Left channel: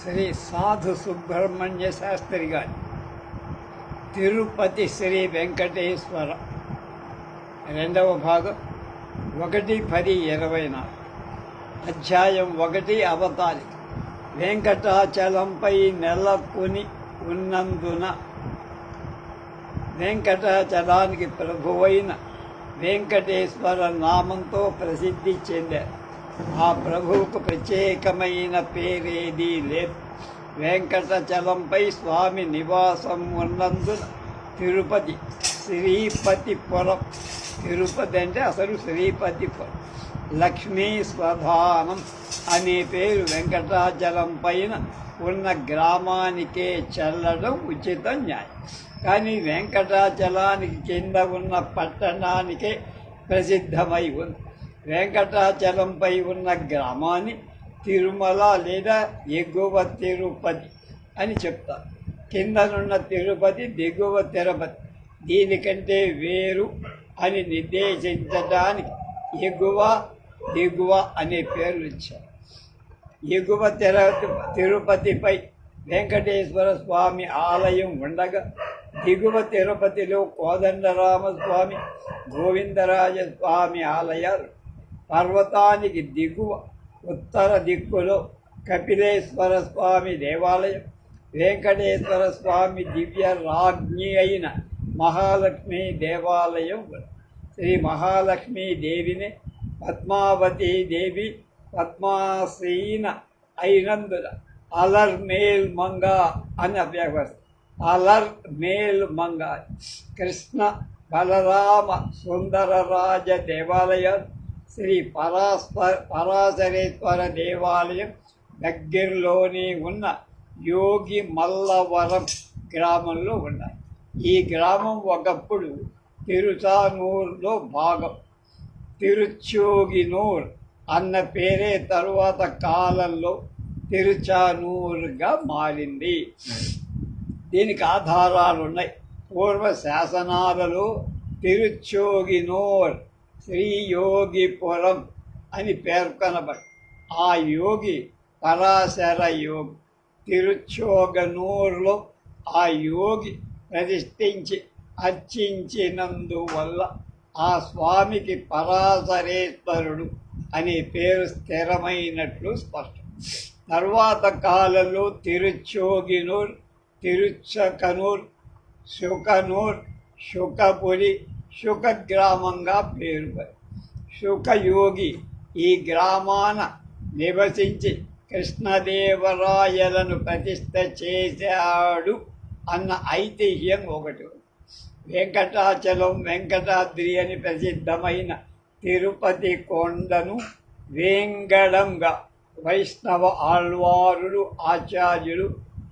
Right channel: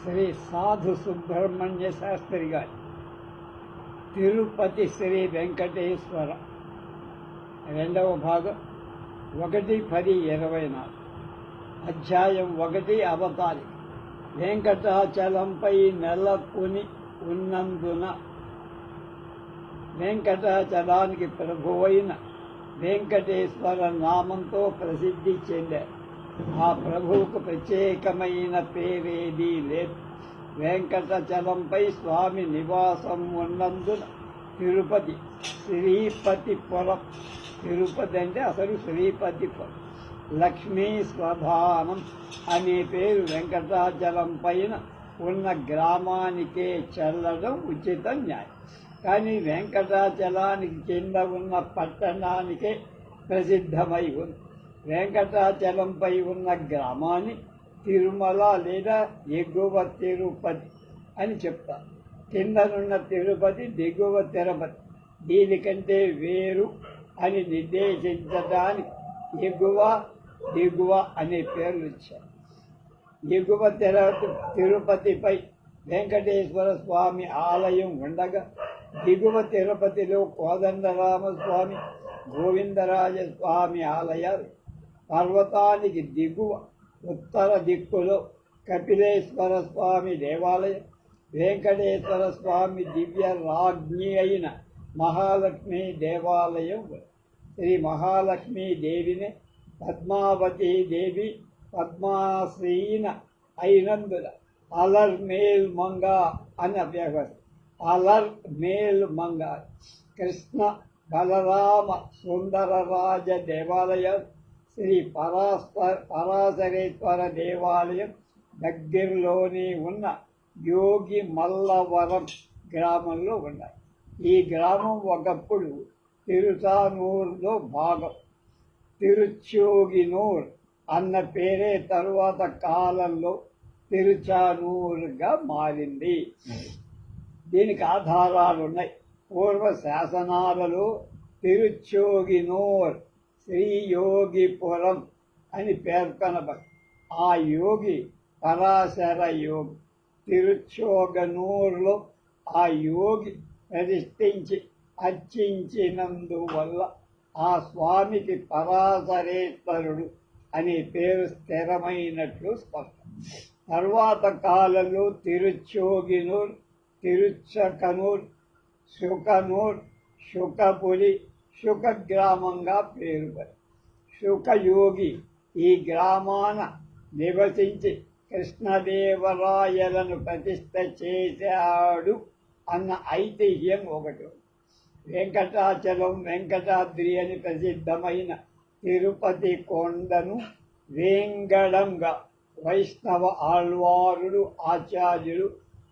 శ్రీ సాధు సుబ్రహ్మణ్య శాస్త్రి గారి. తిరుపతి శ్రీ వెంకటేశ్వర. రెండవ భాగం ఒకటి పది ఇరవై నాలుగు. అధ్యాయం ఒకటి అవతారి వెంకటాచలంపై నెలకొని ఉన్నందున వెంకటాచలానికి ప్రభువైన వెంకటేశ్వర నామంతో ప్రసిద్ధి చెందారు. ఆ ప్రభువుకు ప్రత్యేకమైన పేరేదీ లేదు వెంకటచలంపై స్వామి నివాసం ఉన్నందున తిరుపతి శ్రీపతిపురం తిరుపతి అంటే అసలు శ్రీపతిపురం లక్ష్మీ స్వధానం అనే పేరు వెంకటాచలం పైన ఉన్న గ్రామానికే చెల్లడం ఉచిత న్యాయం. కానీ వెంకటాచలానికి కింద ఉన్న పట్టణానికే ప్రసిద్ధమై ఉంది. వెంకటాచలంపై ఉన్న గ్రామాన్ని తిరుమల లేదా ఎగువ తిరుపతి అని చెప్తారు కిందనున్న తిరుపతి దిగువ తిరుపతి. దీనికంటే వేరు అని నిర్దేశించడానికి ఎగువ దిగువ అనే పేర్లు ఇచ్చారు. ఎగువ తిర తిరుపతిపై వెంకటేశ్వర స్వామి ఆలయం ఉండగా దిగువ తిరుపతిలో కోదండరామస్వామి గోవిందరాజ స్వామి ఆలయాలు పర్వతానికి దిగువ ఉత్తర దిక్కులో కపిలేశ్వర స్వామి దేవాలయం వెంకటేశ్వర స్వామి దివ్య రాజ్ఞి అయిన మహాలక్ష్మి దేవాలయం శ్రీ మహాలక్ష్మీ దేవిని పద్మావతి దేవి పద్మాసీన అయినందున అలర్ మేల్ మంగ అని అభ్యవస్థ అలర్ మేల్ మంగ. కృష్ణ బలరామ సుందరరాజ దేవాలయం. శ్రీ పరాస్ప పరాశరేశ్వర దేవాలయం దగ్గరలోనే ఉన్న యోగి మల్లవరం గ్రామంలో ఉన్నాయి. ఈ గ్రామం ఒకప్పుడు తిరుచానూరులో భాగం. తిరుచోగినూర్ అన్న పేరే తరువాత కాలంలో తిరుచానూరుగా మారింది. దీనికి ఆధారాలు ఉన్నాయి పూర్వ శాసనాలలో తిరుచోగినూర్ శ్రీ యోగిపురం అని పేర్కొనబడి ఆ యోగి పరాశర యోగి. తిరుచోగనూరులో ఆ యోగి ప్రతిష్ఠించి అర్చించినందువల్ల ఆ స్వామికి పరాశరేశ్వరుడు అనే పేరు స్థిరమైనట్లు స్పష్టం. తర్వాత కాలంలో తిరుచోగినూర్ తిరుచకనూర్ శుకనూర్ శుకపురి శుక గ్రామంగా పేరు శుకయోగి ఈ గ్రామాన నివసించి కృష్ణదేవరాయలను ప్రతిష్ట చేశాడు అన్న ఐతిహ్యం ఒకటి. వెంకటాచలం వెంకటాద్రి అని ప్రసిద్ధమైన తిరుపతి కొండను వేంగడంగా వైష్ణవ ఆళ్వారులు ఆచార్యులు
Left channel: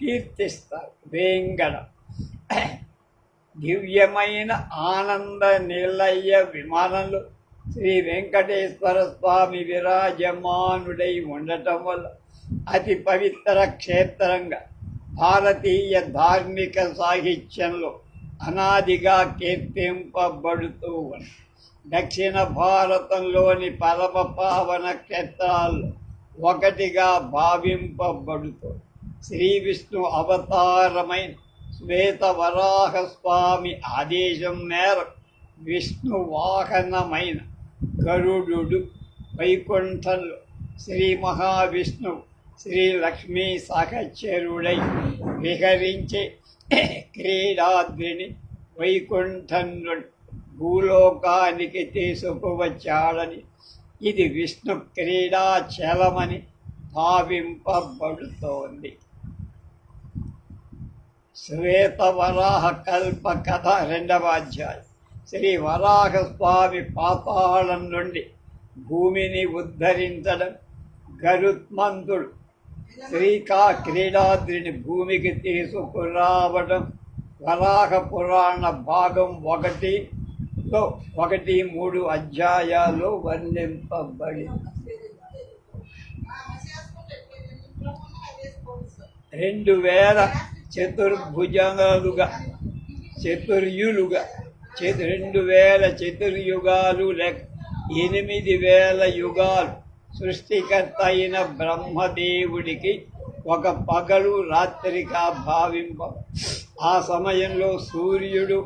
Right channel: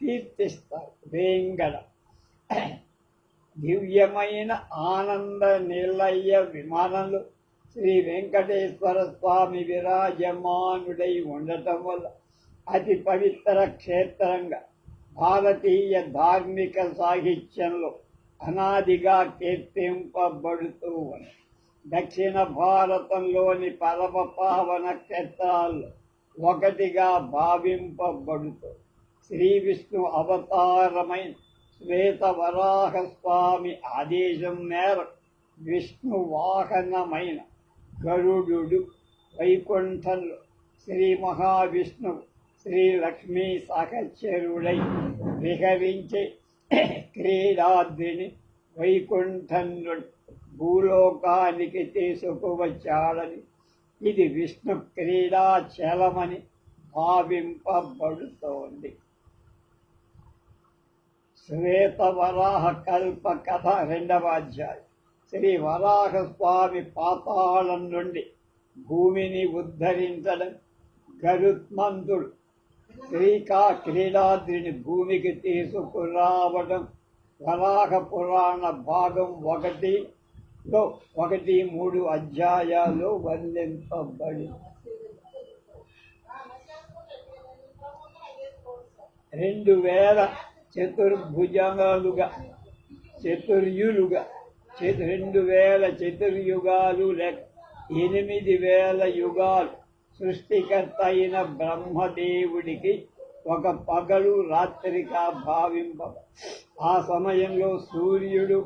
కీర్తిస్తారు వేంగడం. దివ్యమైన ఆనంద నిలయ విమానంలో శ్రీ వెంకటేశ్వర స్వామి విరాజమానుడై ఉండటం వల్ల అతి పవిత్ర క్షేత్రంగా భారతీయ ధార్మిక సాహిత్యంలో అనాదిగా కీర్తింపబడుతూ ఉంది. దక్షిణ భారతంలోని పరమ పావన క్షేత్రాల్లో ఒకటిగా భావింపబడుతూ శ్రీ విష్ణు అవతారమైన శ్వేత ఆదేశం మేరకు విష్ణు వాహనమైన గరుడు వైకుంఠంలో శ్రీ మహావిష్ణువు శ్రీ లక్ష్మీ సహచరుడై విహరించే క్రీడాద్రిని వైకుంఠనుడు భూలోకానికి తీసుకువచ్చాడని. ఇది విష్ణు క్రీడాచలమని భావింపబడుతోంది. శ్వేత వరాహ కల్ప కథ రెండవ అధ్యాయం. శ్రీ వరాహ స్వామి పాతాళం నుండి భూమిని ఉద్ధరించడం గరుత్మంతుడు. శ్రీకా క్రీడాద్రిని భూమికి తీసుకురావడం వరాహ పురాణ భాగం ఒకటిలో ఒకటి మూడు అధ్యాయాలు వర్ణింపబడి రెండు వేల చతుర్భుజాలుగా చతుర్యులుగా చతు రెండు వేల చతుర్యుగాలు లెక్క ఎనిమిది వేల యుగాలు. సృష్టికర్త అయిన బ్రహ్మదేవుడికి ఒక పగలు రాత్రిగా భావింప ఆ సమయంలో సూర్యుడు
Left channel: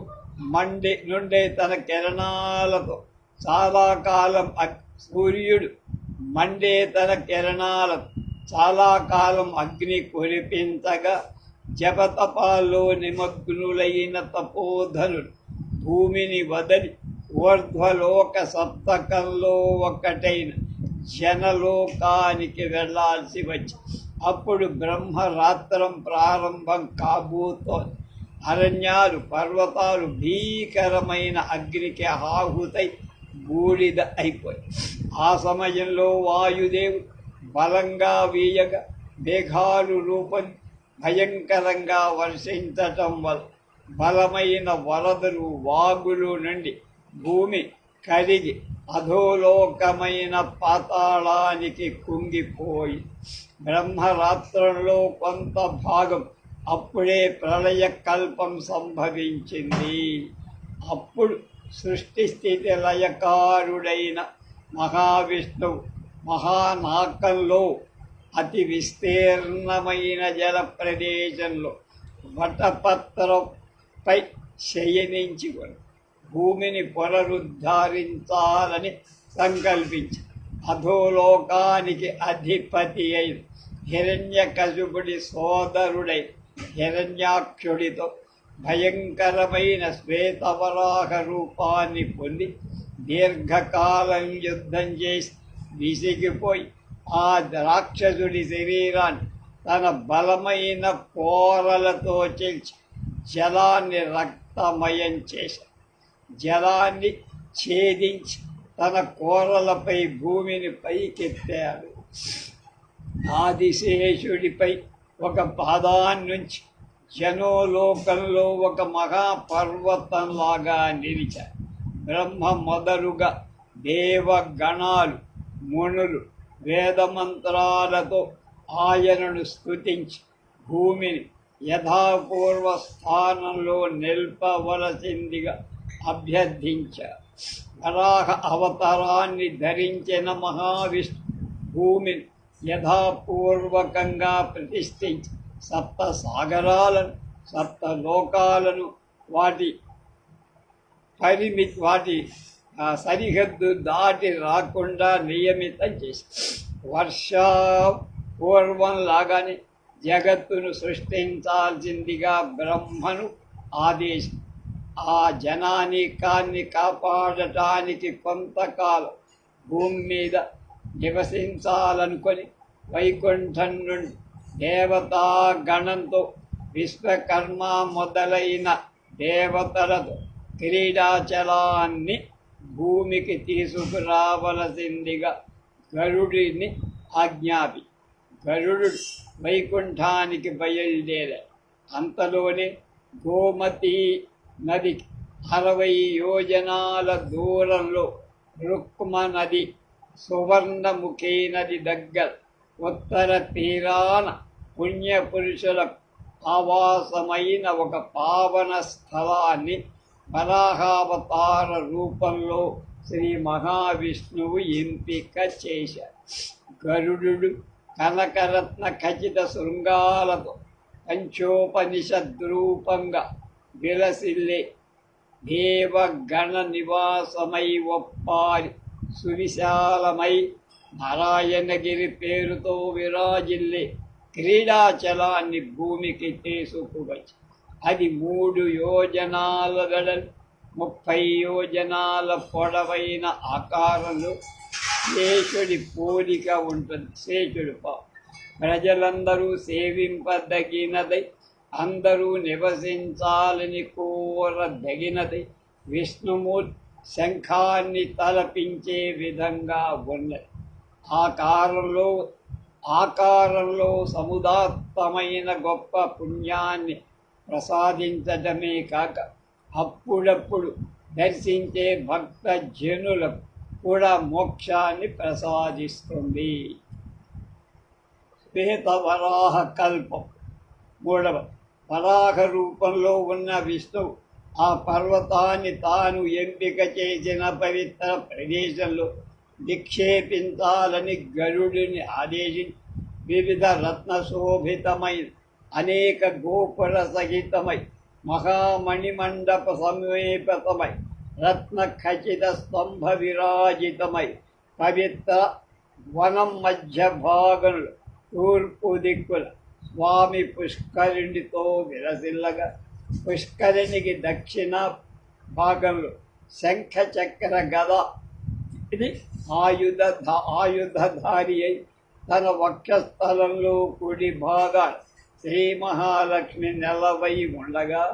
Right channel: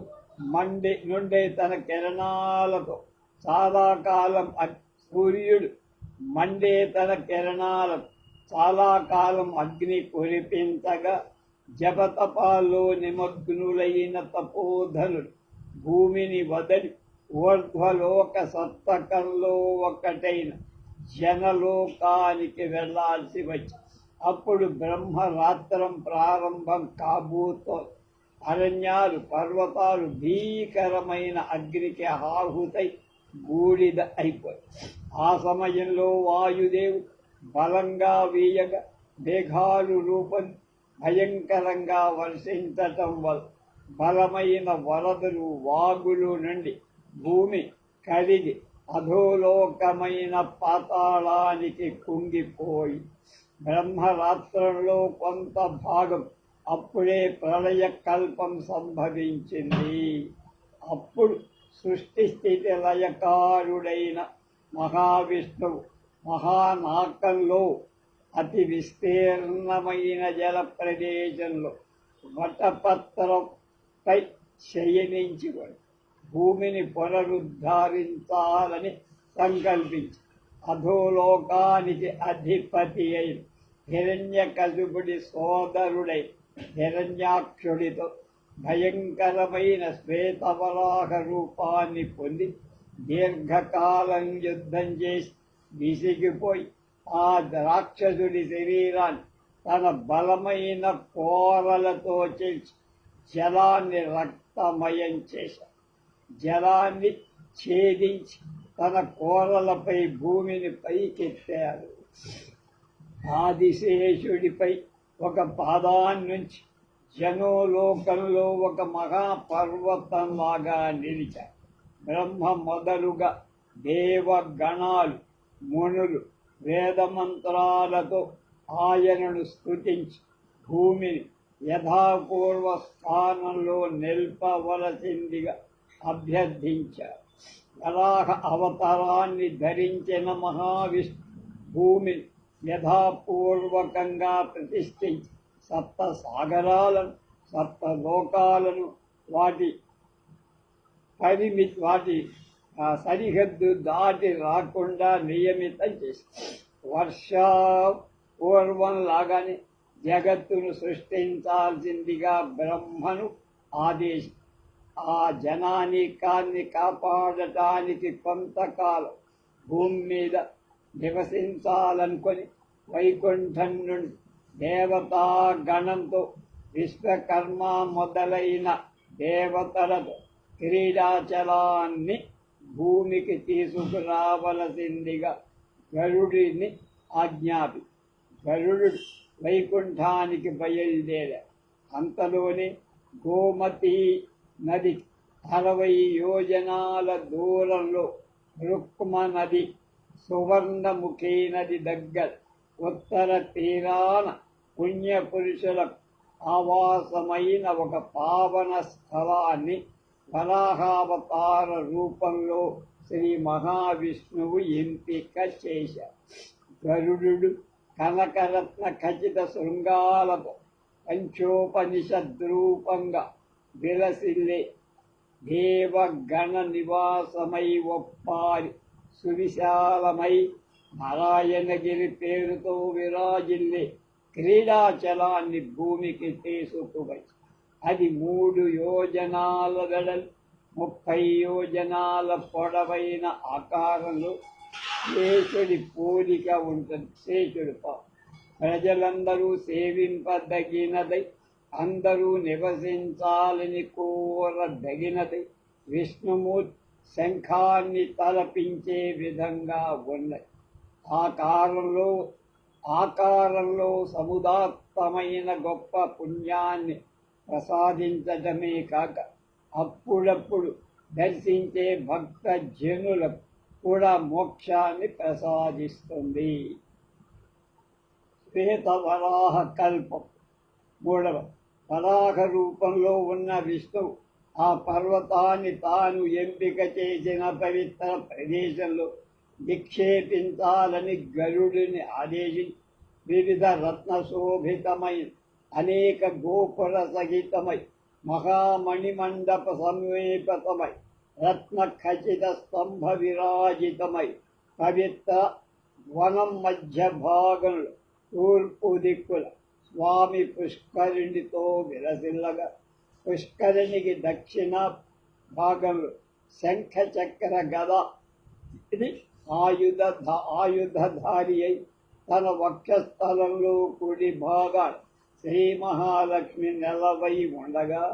మండే నుండే తన కిరణాలతో చాలా కాలం సూర్యుడు మండే తన కిరణాలతో చాలా కాలం అగ్ని కురిపించగా జపతపాల్లో నిమగ్నులైన తపోధనులు భూమిని వదలి ఊర్ధ్వలోక సప్తకంలో ఒకటైన జనలోకానికి వెళ్ళాల్సి వచ్చి అప్పుడు బ్రహ్మరాత్రం ప్రారంభం కాబోతోంది. అరణ్యాలు పర్వతాలు భీకరమైన అగ్నికి ఆహుతై బూడిద అయిపోయి ఆ సమయంలో వాయుదేవుడు బలంగా వీయగా మేఘాలు రూపం భయంకరంగా వర్షించటం వల్ల బలమైన వరదలు వాగులు నుండి భూమి కరిగి అధోలోకమైన పాతాళానికి కుంగిపోయి బ్రహ్మరాత్రంలో కొంత భాగం అప్పుడే ప్రళయ కల్పం సంభవించింది. అప్పుడు సృష్టి స్థితి లయకారుడైన మహావిష్ణువు మహానాకంలో అతి విస్తీర్ణమైన జల ప్రదేశంలో వటపత్రంపై శయనించి భూమిని పునరుద్ధరించాలని సంకల్పించి అధోలోకానికి అధిపతి అయిన హిరణ్యకశుపుడి సోదరుడై హిరణ్యాక్షుడితో భయంకరమైన శ్వేతవరాహ రూపాన్ని పొంది దీర్ఘకాలం యుద్ధం చేసి విసిగిపోయి ఆ రాక్షసుడి శరీరాన్ని తన బలమైన కోరలతో చేల్చి జలాన్ని రక్తమయం చేశాడు జలాన్ని ఛేదించి తన కోరలపై భూమిని పైకెత్తాడు. ఆదిశేషుడిపై ఒక పాదాన్నించి జనోలోకంలో ఒక మహాపర్వతంలాగా నిలిచాడు బ్రహ్మ మొదలుగా దేవగణాలు మునులు వేదమంత్రాలతో ఆయనను స్థుతించి భూమిని యథాపూర్వ స్థానంలో నిల్పవలసిందిగా అభ్యర్థించారు వరాహ అవతారాన్ని ధరించిన మహావిష్ణు భూమిని యథాపూర్వకంగా ప్రతిష్ఠించి సప్త సాగరాలను సప్త లోకాలను వాటి పరిమితి వాటి సరిహద్దు దాటి రాకుండా నియమితం చేసి వర్ష పూర్వం లాగానే జగత్తును సృష్టించాల్సిందిగా బ్రహ్మను ఆదేశం ఆ జనానికాన్ని కాపాడటానికి కొంతకాలం భూమి మీద నివసించాలనుకొని వైకుంఠం నుండి దేవతా గణంతో విశ్వకర్మ మొదలైన దేవతలతో క్రీడాచలాన్ని భూమికి తీసుకురావలసిందిగా గరుడిని ఆజ్ఞాపి. గరుడు వైకుంఠానికి బయలుదేరా అంతలోనే గోమతి నది అరవై యోజనాల దూరంలో రుక్మ నది సువర్ణముఖి నది దగ్గర ఉత్తర తీరాన పుణ్యపురుషులకు ఆవాసమైన ఒక పావన స్థలాన్ని వరాహావతార రూపంలో శ్రీ మహావిష్ణువు ఎంపిక చేశారు గరుడు కనకరత్న ఖచ్చిత శృంగాలతో పంచోపనిషద్రూపంగా విలసిల్లే దేవగణ నివాసమై ఒప్పారి సువిశాలమై నారాయణగిరి పేరుతో విరాజిల్లే క్రీడాచలాన్ని భూమికి తీసుకువచ్చి అది మూడు యోజనాల వెడల్ ముప్పై యోజనాల పొడవైన ఆకారంలో శేషుడి పోలిక ఉంటుంది. శేషుడు పా ప్రజలందరూ సేవింపదగినది అందరూ నివసించాలని కోరదగినది విష్ణుమూర్తి శంఖాన్ని తలపించే విధంగా ఉన్నది. ఆకారంలో ఆకారంలో సముదాత్తమైన గొప్ప పుణ్యాన్ని ప్రసాదించటమే కాక అప్పుడప్పుడు దర్శించే భక్త జనులకు కూడా మోక్షాన్ని ప్రసాదిస్తుంది. శ్వేత వరాహ కల్పం. మూడవ వరాహ రూపంలో ఉన్న విష్ణువు ఆ పర్వతాన్ని తాను ఎంపిక చేసిన పవిత్ర ప్రదేశంలో నిక్షేపించాలని గరుడిని ఆదేశించి వివిధ రత్న శోభితమైన అనేక గోపుర సహితమై మహామణి మండప సమీపతమై రత్న ఖచిత స్తంభ విరాజితమై పవిత్ర వనం మధ్య భాగంలో తూర్పు దిక్కుల స్వామి పుష్కరిణితో విరసిల్లగా పుష్కరిణికి దక్షిణ భాగంలో శంఖ చక్ర గద ఇది ఆయుధ ఆయుధధారి అయి తన వక్షస్థలంలో కుడి భాగాలు శ్రీ మహాలక్ష్మి నెలవై ఉండగా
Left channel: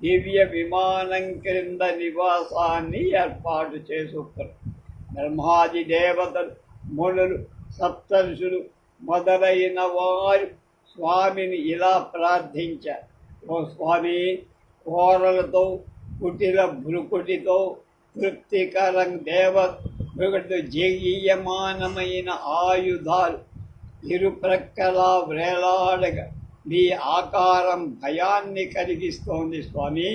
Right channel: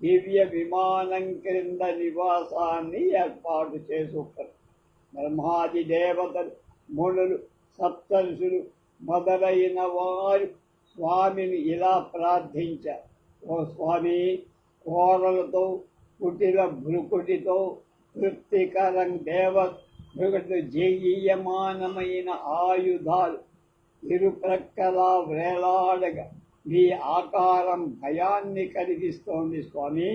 దివ్య విమానం క్రింద నివాసాన్ని ఏర్పాటు చేసుకున్నారు బ్రహ్మాది దేవతలు మునులు సప్తర్షులు మొదలైన వారు స్వామిని ఇలా ప్రార్థించారు. ఓ స్వామి కోరలతో కుటిల భృకుటితో తృప్తికరం దేవ భృగుడు జయమానమైన ఆయుధాలు ఇరు ప్రక్కలా వేలాడగా మీ ఆకారం భయాన్ని కలిగిస్తోంది స్వామి.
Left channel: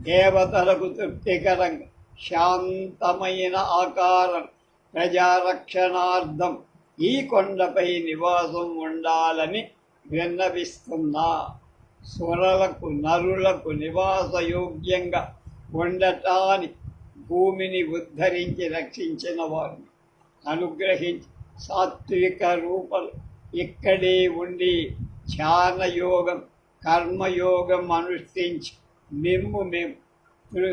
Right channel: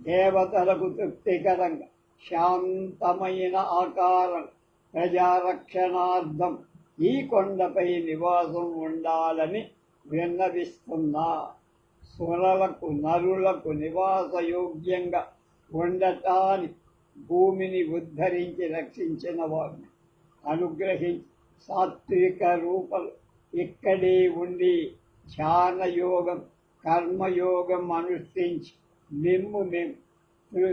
దేవతలకు తృప్తికరంగా శాంతమైన ఆకారం ప్రజారక్షణార్థం ఈ కొండపై నివాసం ఉండాలని విన్నవిస్తున్నా. సురలకు నరులకు నివాసయోగ్యంగా ఉండటాని భూమిని ఉద్ధరించి రక్షించిన వారిని అనుగ్రహించి సాత్విక రూపలు ఇక్కడే ఉండి ధ్యానయోగం కర్మయోగం అనుష్ఠించి మిమ్ము మేము.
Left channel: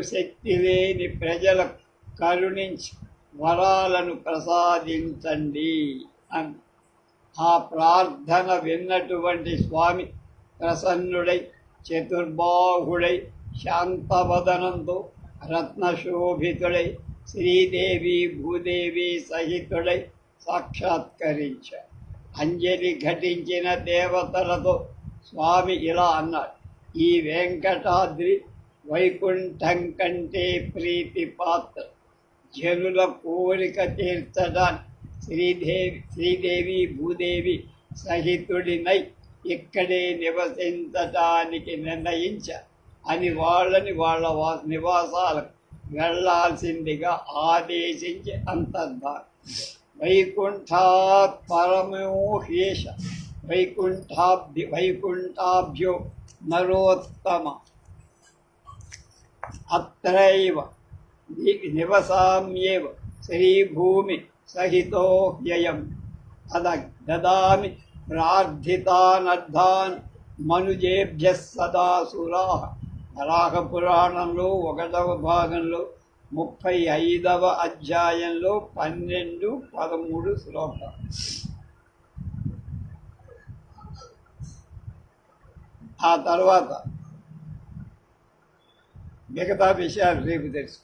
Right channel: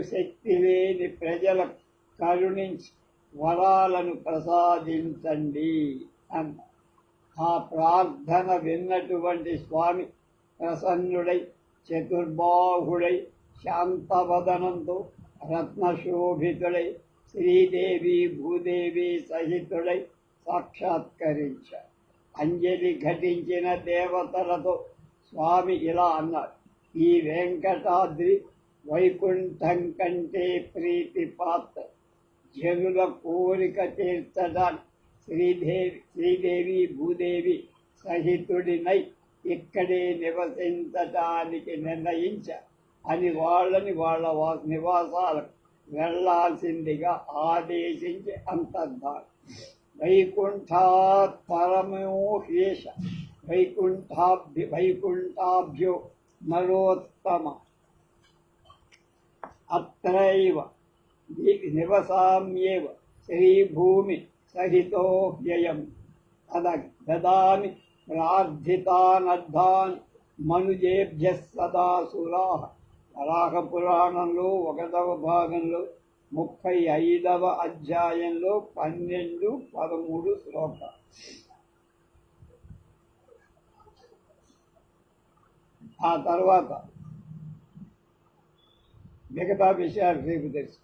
శక్తి లేని ప్రజలకు కరుణించి వరాలను ప్రసాదించండి అన్న ఆ ప్రార్థన విన్నటువంటి స్వామి ప్రసన్నుడై చతుర్బాహుడై శాంతవదనంతో రత్నశోభితుడై శ్రీదేవి భూదేవి సహితుడై సాక్షాత్కరించారు అంజలి ఘటించిన దేవతలతో స్వామి ఇలా అన్నాడు. ఈ వెంకటాద్రి వైకుంఠం కంటే ప్రీతి పాత్ర. జనుల కోరిక తీర్చడానికి శ్రీదేవి శ్రీదేవి భూదేవి సహితుడినై ఇక్కడే నివసించటానికి నిర్ణయించ అని వాళ్ళని వాళ్ళ వా నివాసాలకు వెళ్ళాల్సిందిగా ఆదేశించి అంతర్భాగం వైకుంఠాత్ పరమోహేష వైకుంఠాభ్య వైకుంఠాభ్యో నరోత్తమ. అత్రైవ నివసామ్యేవ శ్రీభూమి సహితో వ్యయం అద దదామి ప్రార్థితానర్థాన్ మనుజేభ్య సదాసురా వరాహ పురాణంలో ఒకటవ భాగంలో ముప్పై ఐదవ అధ్యాయంలో పన్నెండు పదమూడు శ్లోకాలు ఆ తర్వాత మిగతా విషయాలు రేపు తెలుసు